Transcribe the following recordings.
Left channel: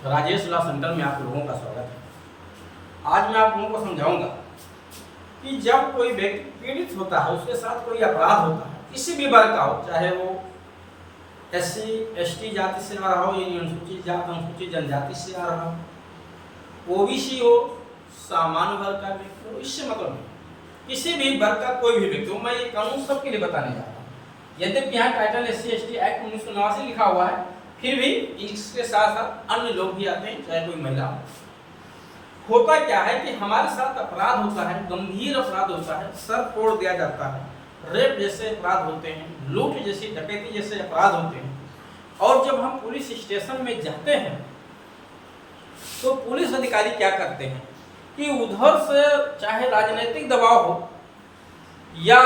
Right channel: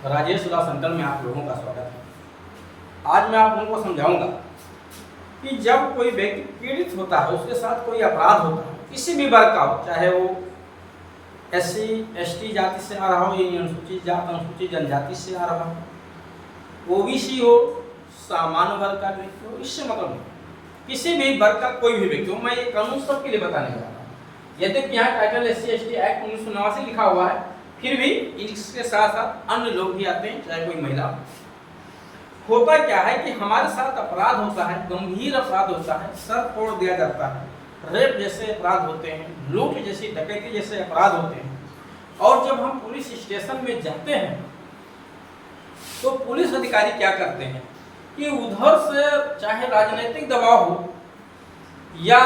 Rajesh law centre में आप लोगों का स्वागत है। आज मैं आप लोगों को समझाऊंगा कि जब कोई व्यक्ति पीड़ित होता है, उसके साथ कोई अपराध होता है, किसी भी वर्ग का हो, चाहे वो SC ST जाति से आ रहा हो या अनुसूचित जाति अनुसूचित जनजाति से आ रहा हो, OBC हो, सामान्य वर्ग का व्यक्ति हो, इससे मतलब नहीं, किसी भी वर्ग का कोई भी व्यक्ति हो। मैं ये कानून सबके लिए बताने जा रहा हूँ। यद्यपि यहाँ टाइटल SC ST एक्ट 1989 लिखा हुआ है, फिर भी इसके साथ साथ अन्य लोग भी आते हैं, चाहे कोई महिला। होता क्या है कि हमारे साथ अपराध होता है, गंभीर अपराध होता है, सर फोड़ दिया जाता है, रेप जैसे अपराध होते हैं, लूट जैसी डकैती जैसे अपराध होते हैं। और जब हम पुलिस स्टेशन में जाते हैं तो पुलिस अधिकारी क्या करते हैं कि उधर से चाहे राजनीतिक दबाव हो या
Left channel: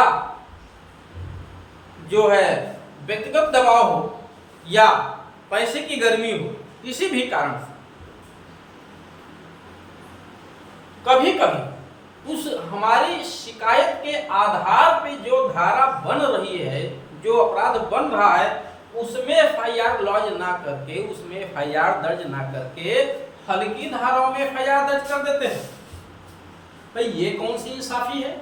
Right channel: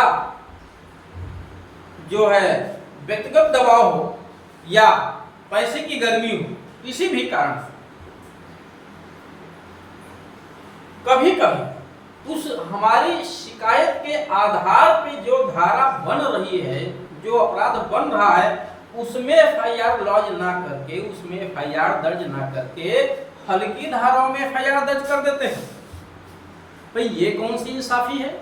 जो है व्यक्तिगत दबाव हो या पैसे की गर्मी हो, किसी भी कारण से कभी कभी उस हमारी शिकायत के आधार पे जो धारा बन रही है, जो अपराध बन रहा है, उसमें FIR लॉज ना करके, उसमें FIR दर्ज ना करके हल्की धाराओं में FIR दर्ज कर देते हैं। भाई ये कौन सी इंसाफी है?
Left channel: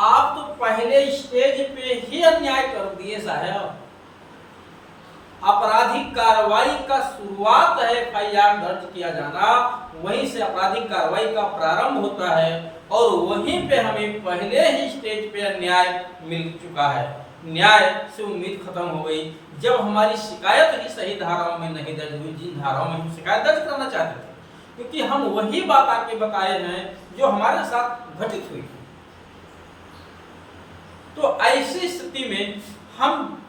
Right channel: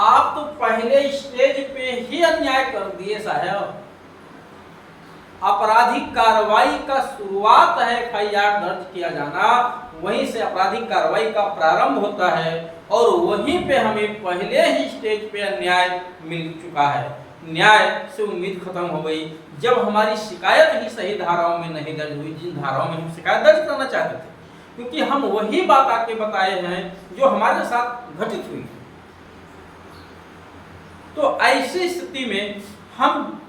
आप तो पहले स्टेज पे ही अन्याय कर दिए साहब। आपराधिक कार्रवाई का शुरुआत है FIR दर्ज किया जाना, वहीं से आपराधिक कार्रवाई का प्रारंभ होता है और वहीं पे हमें पहले ही स्टेज पे अन्याय मिल चुका है। न्याय से उम्मीद खत्म हो गई जब हमारी शिकायत ही सही धाराओं में नहीं दर्ज हुई, जिन धाराओं में हम शिकायत दर्ज करना चाहते थे, क्योंकि हम वही बात आके बताए हैं जो हमारे साथ घटित हुई। तो ऐसी स्थिति में हम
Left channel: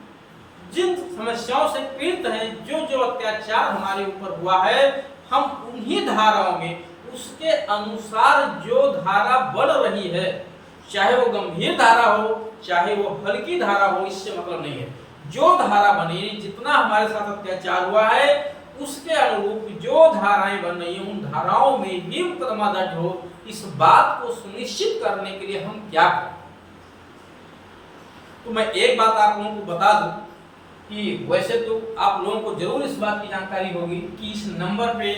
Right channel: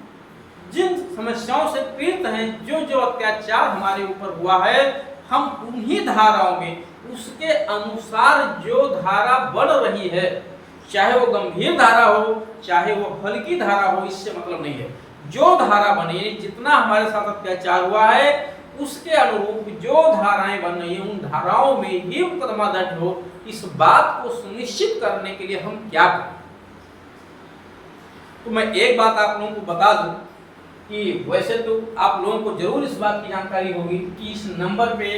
जिन समस्याओं से पीड़ित हैं, जो जो अत्याचार हमारे ऊपर हुआ है, हम उन्हीं धाराओं में उसके अनुसार जो धारा बन रही है, चाहे वो गंभीर धारा हो चाहे वो हल्की धारा हो, इससे मतलब नहीं है। जो धारा बनी, जितना हमारे साथ अत्याचार हुआ है उसके अनुरूप जो धाराएं बन रही हैं, उन धाराओं में ही मुकदमा दर्ज हो। इस बात को सुनिश्चित करने के लिए हम क्या करें? तो मैं एक बात आप लोगों को बता दूं कि वैसे तो आप लोगों को जरूर इस बात की जानकारी होगी कि इस नंबर पे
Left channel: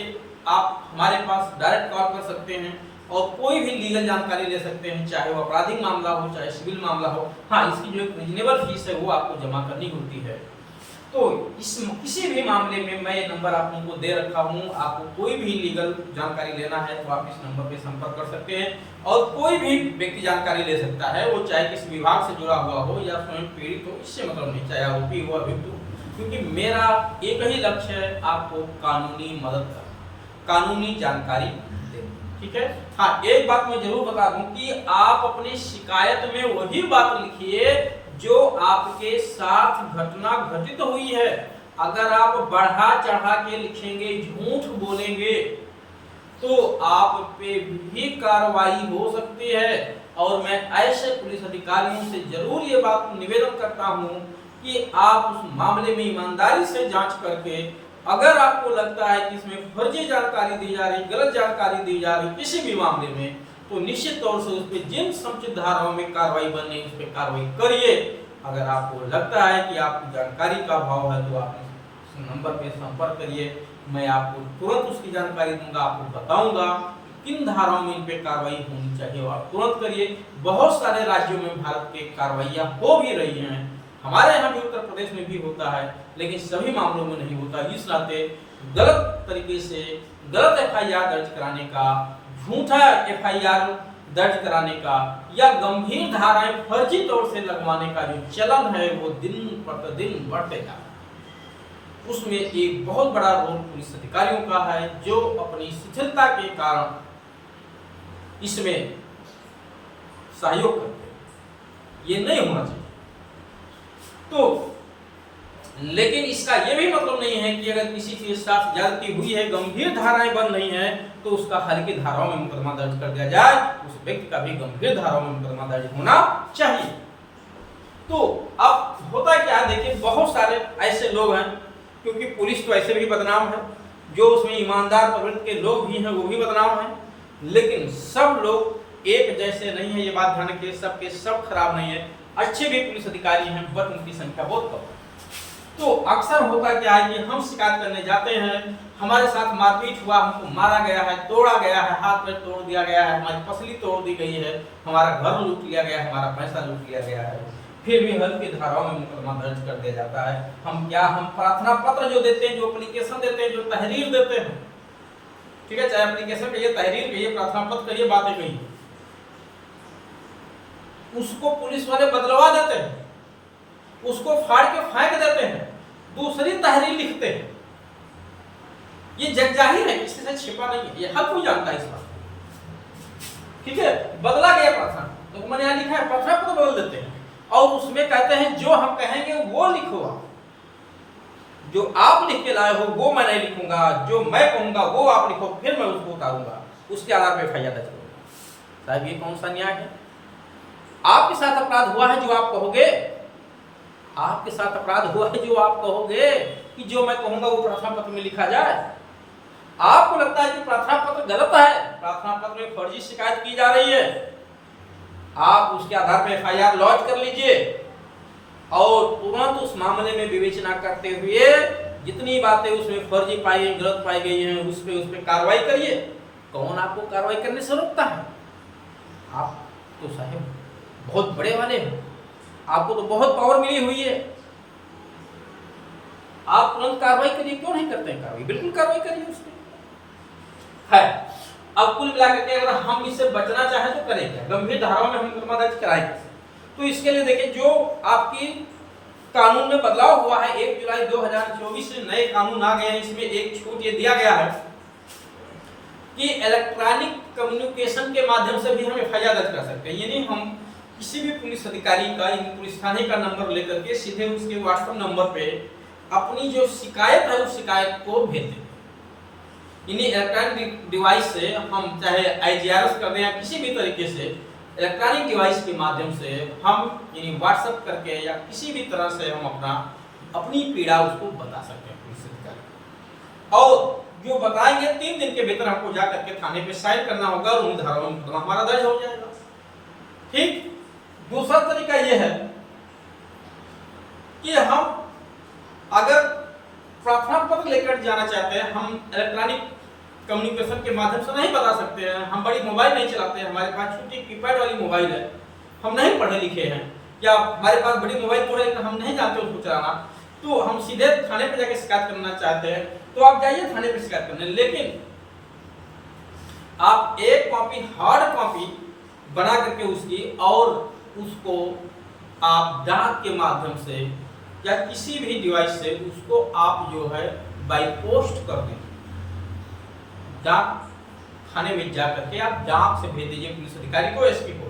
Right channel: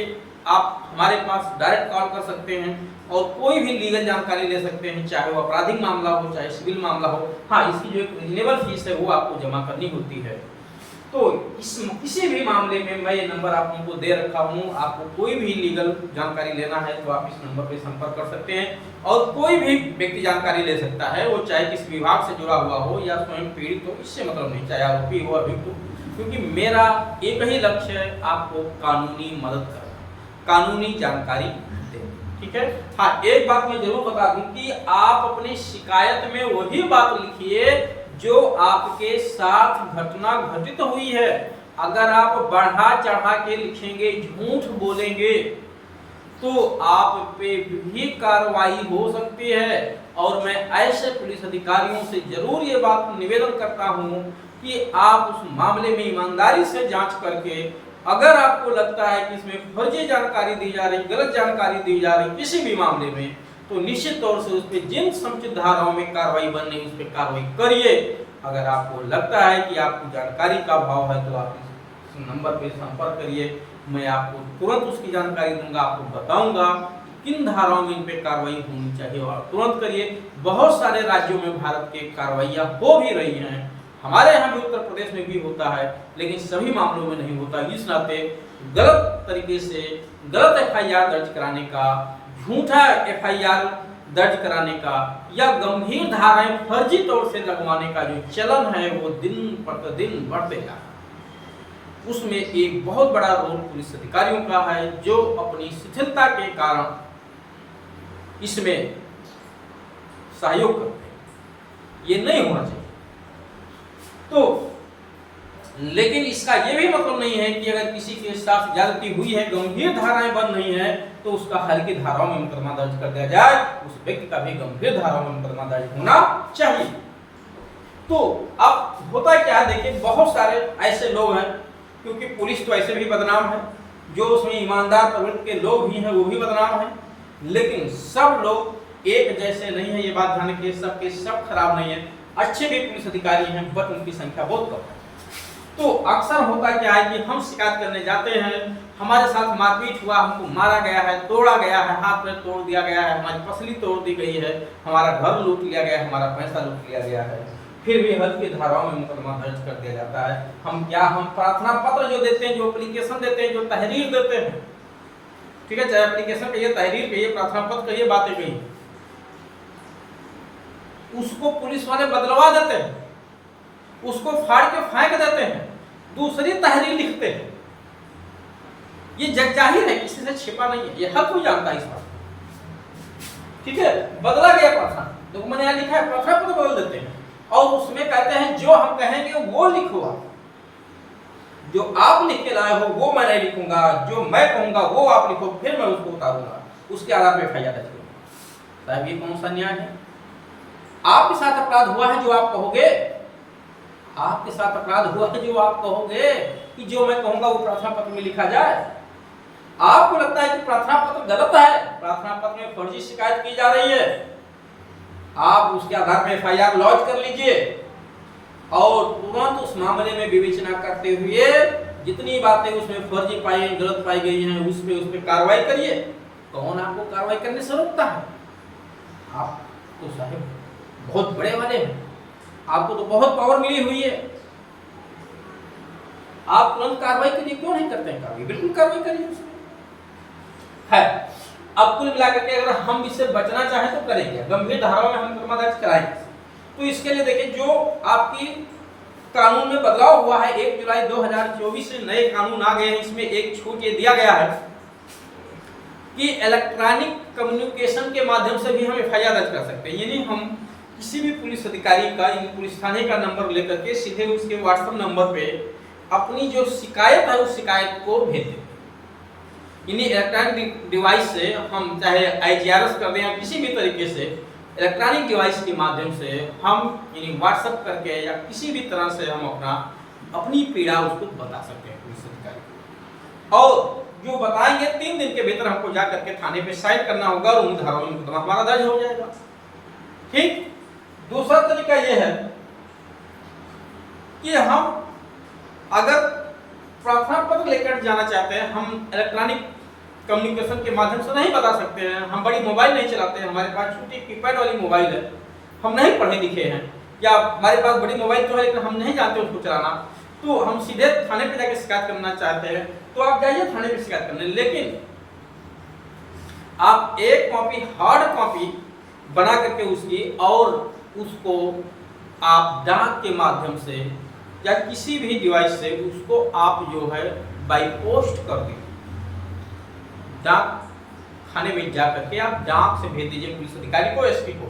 आप हमारे पास डायरेक्ट कॉल कर सकते हैं और कोई भी लीगल जानकारी ले सकते हैं, चाहे वो आपराधिक मामला हो चाहे सिविल मामला हो। हाँ, इसकी जो एक रीजनेबल फीस है वो आपको जमा करनी होती है। तो किसी भी मामले में मैं ये नंबर आप लोगों को दे रखा हूँ। आपको कोई भी लीगल जानकारी लेना है तो आप इस नंबर पे संपर्क कर सकते हैं और कोई भी व्यक्ति जानकारी ले सकता है, वो चाहे किसी विभाग से जुड़ा हुआ हो या स्वयं पीड़ित हो, इससे मतलब नहीं, चाहे आरोपी हो अभियुक्त हो, क्योंकि मेरा एक ही लक्ष्य है आपको कानूनी मदद करना, कानूनी जानकारी देना। ठीक है। हाँ, एक बात मैं जरूर बता दूं कि आप अपनी शिकायत में वही बात लिखिए जो आपके साथ घटना घटित हुई है। अगर आप बढ़ा चढ़ा के लिखेंगे, झूठ बोलेंगे, तो आप पे भी कार्रवाई हो सकती है। और मैं ऐसे पुलिस अधिकारियों से जरूर ये बात निवेदन करता हूं कि आप उस मामले में ईमानदारी से जांच करके, अगर आपको लगता है कि इसमें फर्जी जानकारी दी जा रही, गलत जानकारी दी जा रही किसी भी मामले में, तो निश्चित तौर से उस पर जिन समुचित धाराओं में कार्रवाई बननी है उस पर कार्रवाई करिए। अगर आपको लगता है कि आपको जानकारी का अभाव है तो आप इस नंबर पे संपर्क करिए, मैं आपको तुरंत उसकी जानकारी दूंगा, आपको बताऊंगा किन धाराओं में इन पे कार्रवाई होनी चाहिए और आप तुरंत करिए। बहुत सारे राज्यों में भारत के कार्रवाइयाँ हो भी रही हैं, हमारे यहाँ भी उत्तर प्रदेश में भी होता है, लेकिन सभी मामलों में नहीं होता। इस नाते गलत तरीके से गलत FIR दर्ज कराने का, झूठा FIR दर्ज कराने का या गंभीर धाराएं फर्जी तौर से लगवाने का जो चलन है वो दिन प्रतिदिन बढ़ते जा रहा है। उसमें एक बहुत बड़ा रोल पुलिस अधिकारियों का है जो अपनी शिथिलता के कारण इसमें सहयोग करते हैं। ये नहीं होना चाहिए। तो लेकिन इसका यह भी मतलब नहीं है कि अगर किसी के साथ ज्यादती हुई है, गंभीर धाराएं बन रही हैं, तो उसका हल्की धाराओं में मुकदमा दर्ज कर दिया जाए। उस व्यक्ति का भी गंभीर धाराओं में मुकदमा दर्ज होना चाहिए। तो अब होता क्या है, देखिए बहुत सारे ऐसे लोग हैं, क्योंकि पुलिस तो ऐसे भी बदनाम है, जो उसमें ईमानदार प्रवृत्ति के लोग भी हैं वो भी बदनाम है, लेकिन सब लोग एक जैसे नहीं है। ये बात ध्यान रखिए, सब के सब खराब नहीं है, अच्छे भी पुलिस अधिकारी हैं, बट उनकी संख्या बहुत कम है। तो अक्सर होता क्या है कि हम शिकायत करने जाते हैं, हमारे साथ मारपीट हुआ, हमको मारा गया है, तोड़ा गया है, हाथ में तोड़ दिया गया है, हमारी पसली तोड़ दी गई है, हमारा घर लूट लिया गया है, हमारा पैसा लूट लिया गया है, फिर भी हल्की धाराओं में मुकदमा दर्ज कर दिया जाता है। हम प्रार्थना पत्र जो देते हैं, जो एप्लीकेशन देते हैं, जो तहरीर देते हैं, ठीक है, चाहे एप्लीकेशन कहिए, तहरीर कहिए, प्रार्थना पत्र कहिए, बातें कहिए, उसको पुलिस वाले बदलवा देते हैं, उसको फाड़ के फेंक देते हैं, दूसरी तहरीर लिखते हैं। ये जग जाहिर है, किसी से छिपा नहीं है, ये हर कोई जानता है इस बात, ठीक है। बदला गया प्रार्थना, तो मैंने यहाँ लिखा है, प्रार्थना पत्र बदल देते हैं और उसमें कहते हैं जो हम कहेंगे वो लिखो, जो आप लिख के लाए हो वो मैं नहीं लिखूंगा, जो मैं कहूंगा वो आप लिखो, फिर मैं उसको उतारूंगा, उसके आधार पर एफआईआर दर्ज करूंगा। साहब ये कौन सा न्याय है? आपके साथ अपराध हुआ है जो आप कहोगे, आपके साथ अपराध हुआ है जो आप कहोगे कि जो मैं कहूंगा वो प्रार्थना पत्र में लिखा जाए। आपको लगता है कि प्रार्थना पत्र गलत है, प्रार्थना पत्र में फर्जी शिकायत की जा रही है, आप उसके आधार पर एफआईआर लॉन्च कर लीजिए और तुरंत उस मामले में विवेचना करते हुए जितनी बातें उसमें फर्जी पाई गई, गलत पाई गई हैं, उस पर कार्रवाई करिए। कौन आपको कार्रवाई करने से रोकता है? आप तो साहब बहुत बड़े वाले हैं, आपको तो बहुत पावर मिली हुई है, आप तुरंत कार्रवाई करिए। क्यों नहीं करते हैं कार्रवाई? बिल्कुल कार्रवाई करिए उसमें है। अब कुल मिलाकर के अगर हम इससे बचना चाहें तो करेंगे, गंभीर धाराओं में हम मुकदमा दर्ज कराएंगे। तो इसके लिए देखिए, जो आपकी कानून में बदलाव हुआ है, 1 जुलाई 2024 से नए कानून आ गए हैं, इसमें एक छूट ये दिया गया है कि इलेक्ट्रॉनिक कम्युनिकेशन के माध्यम से भी हम एफआईआर दर्ज कर सकते हैं। यानी हम किसी भी पुलिस अधिकारी का, पुलिस थाने का नंबर लेकर के सीधे उसके व्हाट्सएप नंबर पे अपनी जो शिकायत है उस शिकायत को भेज देते हैं। यानी इलेक्ट्रॉनिक डिवाइस से हम चाहे आईजीआरएस कर दें या किसी भी तरीके से इलेक्ट्रॉनिक डिवाइस के माध्यम से हम यानी व्हाट्सएप करके या किसी भी तरह से हम अपनी पीड़ा उसको बता सकते हैं पुलिस अधिकारी को, और जो बताएंगे 3 दिन के भीतर हमको जा करके थाने पे साइन करना होगा और उन धाराओं में मुकदमा हमारा दर्ज हो जाएगा। ठीक। दूसरा तरीका यह है कि हम अगर प्रार्थना पत्र लेकर जाना चाहते हैं, हम इलेक्ट्रॉनिक कम्युनिकेशन के माध्यम से नहीं बता सकते हैं, हम बड़ी मोबाइल नहीं चलाते हैं, हमारे पास छोटी कीपैड वाली मोबाइल है, हम नहीं पढ़े लिखे हैं, या हमारे पास बड़ी मोबाइल तो है लेकिन हम नहीं जानते उसको चलाना, तो हम सीधे थाने पे जाके शिकायत करना चाहते हैं, तो आप जाइए थाने पे शिकायत करने। लेकिन आप एक कॉपी, हार्ड कॉपी बना करके उसकी, और उसको आप डाक के माध्यम से या किसी भी डिवाइस से उसको आप जो है बाई पोस्ट कर दीजिए, डाक खाने में जा करके आप डाक से भेज दीजिए पुलिस अधिकारी को, एसपी को,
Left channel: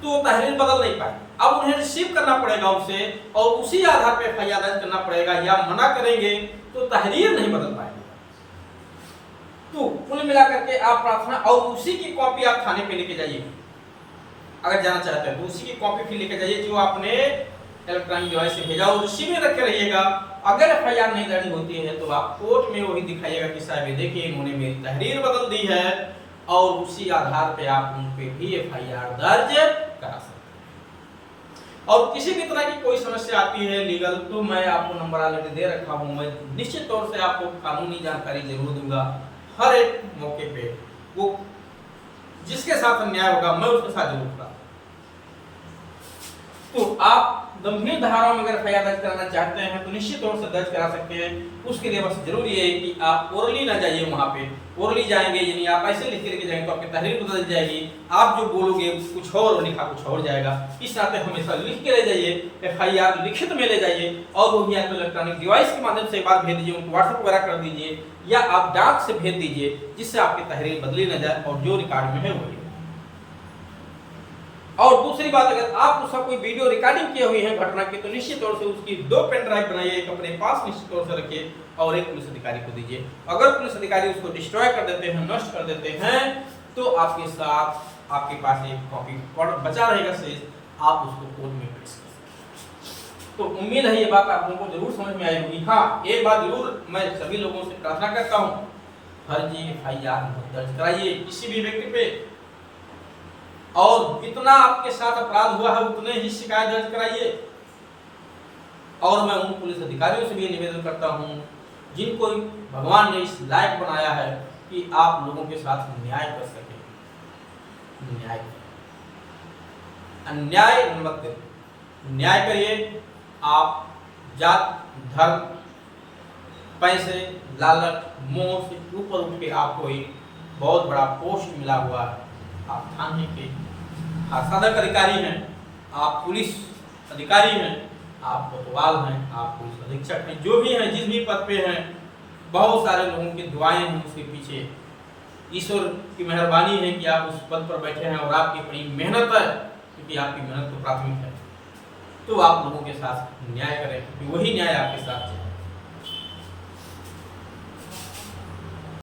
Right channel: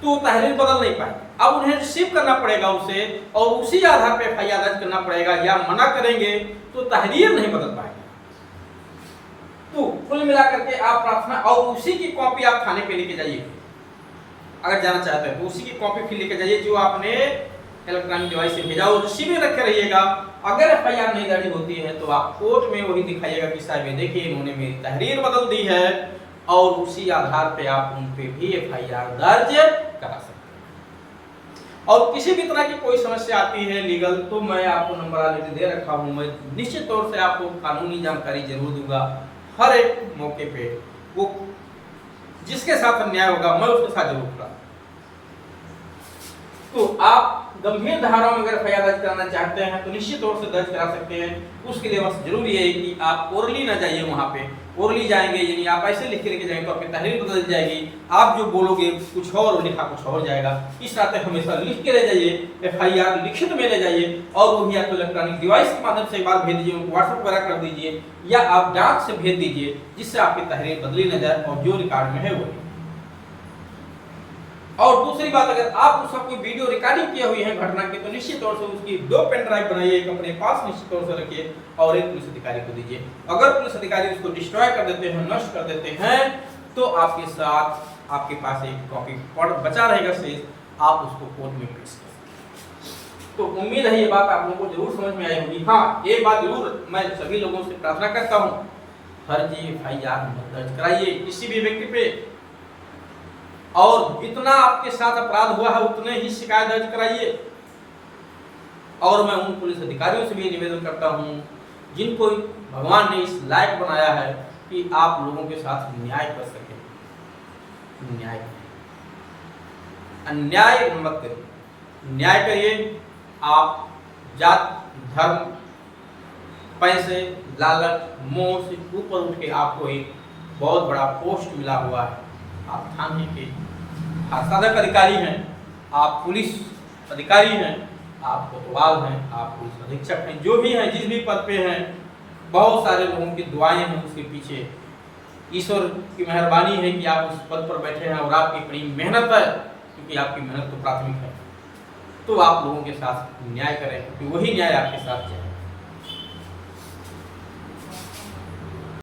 तो तहरीर बदल नहीं पाए। अब उन्हें रिसीव करना पड़ेगा उसे, और उसी आधार पर एफआईआर दर्ज करना पड़ेगा, या मना करेंगे तो तहरीर नहीं बदल पाएंगे। तो कुल मिलाकर के आप प्रार्थना, और उसी की कॉपी आप थाने पे लेके जाइए अगर जाना चाहते हैं, तो उसी की कॉपी फिर लेके जाइए जो आपने इलेक्ट्रॉनिक डिवाइस से भेजा, और रिसीव में रखे रहिएगा। अगर एफआईआर नहीं दर्ज होती है तो आप कोर्ट में वही दिखाइएगा कि साहब ये देखिए इन्होंने मेरी तहरीर बदल दी है, और उसी आधार पे आप उन पे भी एफआईआर दर्ज करा सकते हैं। और किसी भी तरह की कोई समस्या आती है लीगल, तो मैं आपको नंबर ऑलरेडी दे रखा हूँ, मैं निश्चित तौर से आपको कानूनी जानकारी जरूर दूंगा हर एक मौके पे। वो जिसके साथ अन्याय होगा मैं उसके साथ जरूर करूंगा। तो आप गंभीर धाराओं में अगर एफआईआर दर्ज कराना चाहते हैं तो निश्चित तौर से दर्ज करा सकते हैं। उसके लिए बस जरूरी है कि आप ओरली ना जाइए, वहां पे ओरली जाएंगे यानी आप ऐसे लिख के लेके जाएंगे तो आपकी तहरीर बदल जाएगी, आप जो बोलोगे कुछ और लिखा कुछ और जाएगा। इस नाते हमेशा लिख के ले जाइए, एफआईआर लिखित में ले जाइए, और वो भी आपको इलेक्ट्रॉनिक डिवाइस के माध्यम से एक बार भेज दीजिए, उनको व्हाट्सएप वगैरह कर दीजिए, या आप डाक से भेज दीजिए, जिससे आपकी तहरीर बदली न जाए और जो रिकॉर्ड में है वही। और दूसरी बात, अगर आप उसका कोई वीडियो रिकॉर्डिंग किए हुए हैं घटना की, तो निश्चित तौर से उसकी 2 पेन ड्राइव बनाइए, एक अपने पास निश्चित तौर से रखिए और एक पुलिस अधिकारी को दीजिए। अगर पुलिस अधिकारी उसको डिस्ट्रॉय कर देते हैं, नष्ट कर देते हैं, तो आपके साथ आपके पास एक कॉपी बचा रहेगा शेष, आप उसको कोर्ट में पेश कर सकते। तो उम्मीद है ये बात आप लोगों को जरूर समझ में आई होगी। हाँ, एक बात जरूर मैं सभी लोगों से प्रार्थना करता हूँ, फर्जी एफआईआर मत दर्ज कराइए किसी भी व्यक्ति पे, और जितना आपके साथ अपराध हुआ है उतने ही शिकायत दर्ज कराइए। और मैं उन पुलिस अधिकारियों से भी निवेदन करता हूँ जिनको भगवान ने इस लायक बनाया है कि आप लोगों के साथ न्याय कर सके। न्याय, अन्याय मत करिए, न्याय करिए। आप जात, धर्म, पैसे, लालच, मोह से ऊपर उठ के आपको एक बहुत बड़ा पोस्ट मिला हुआ है। आप थाने के साधक अधिकारी हैं, आप पुलिस अधिकारी हैं, आप कोतवाल हैं, आप पुलिस अधीक्षक हैं, जो भी हैं, जिस भी पद पे हैं, बहुत सारे लोगों की दुआएं हैं उसके पीछे। ईश्वर की मेहरबानी है कि आप उस पद पर बैठे हैं और आपकी बड़ी मेहनत है, क्योंकि आपकी मेहनत तो प्राथमिक है। तो आप लोगों के साथ न्याय करें, क्योंकि वही न्याय आपके साथ जाए।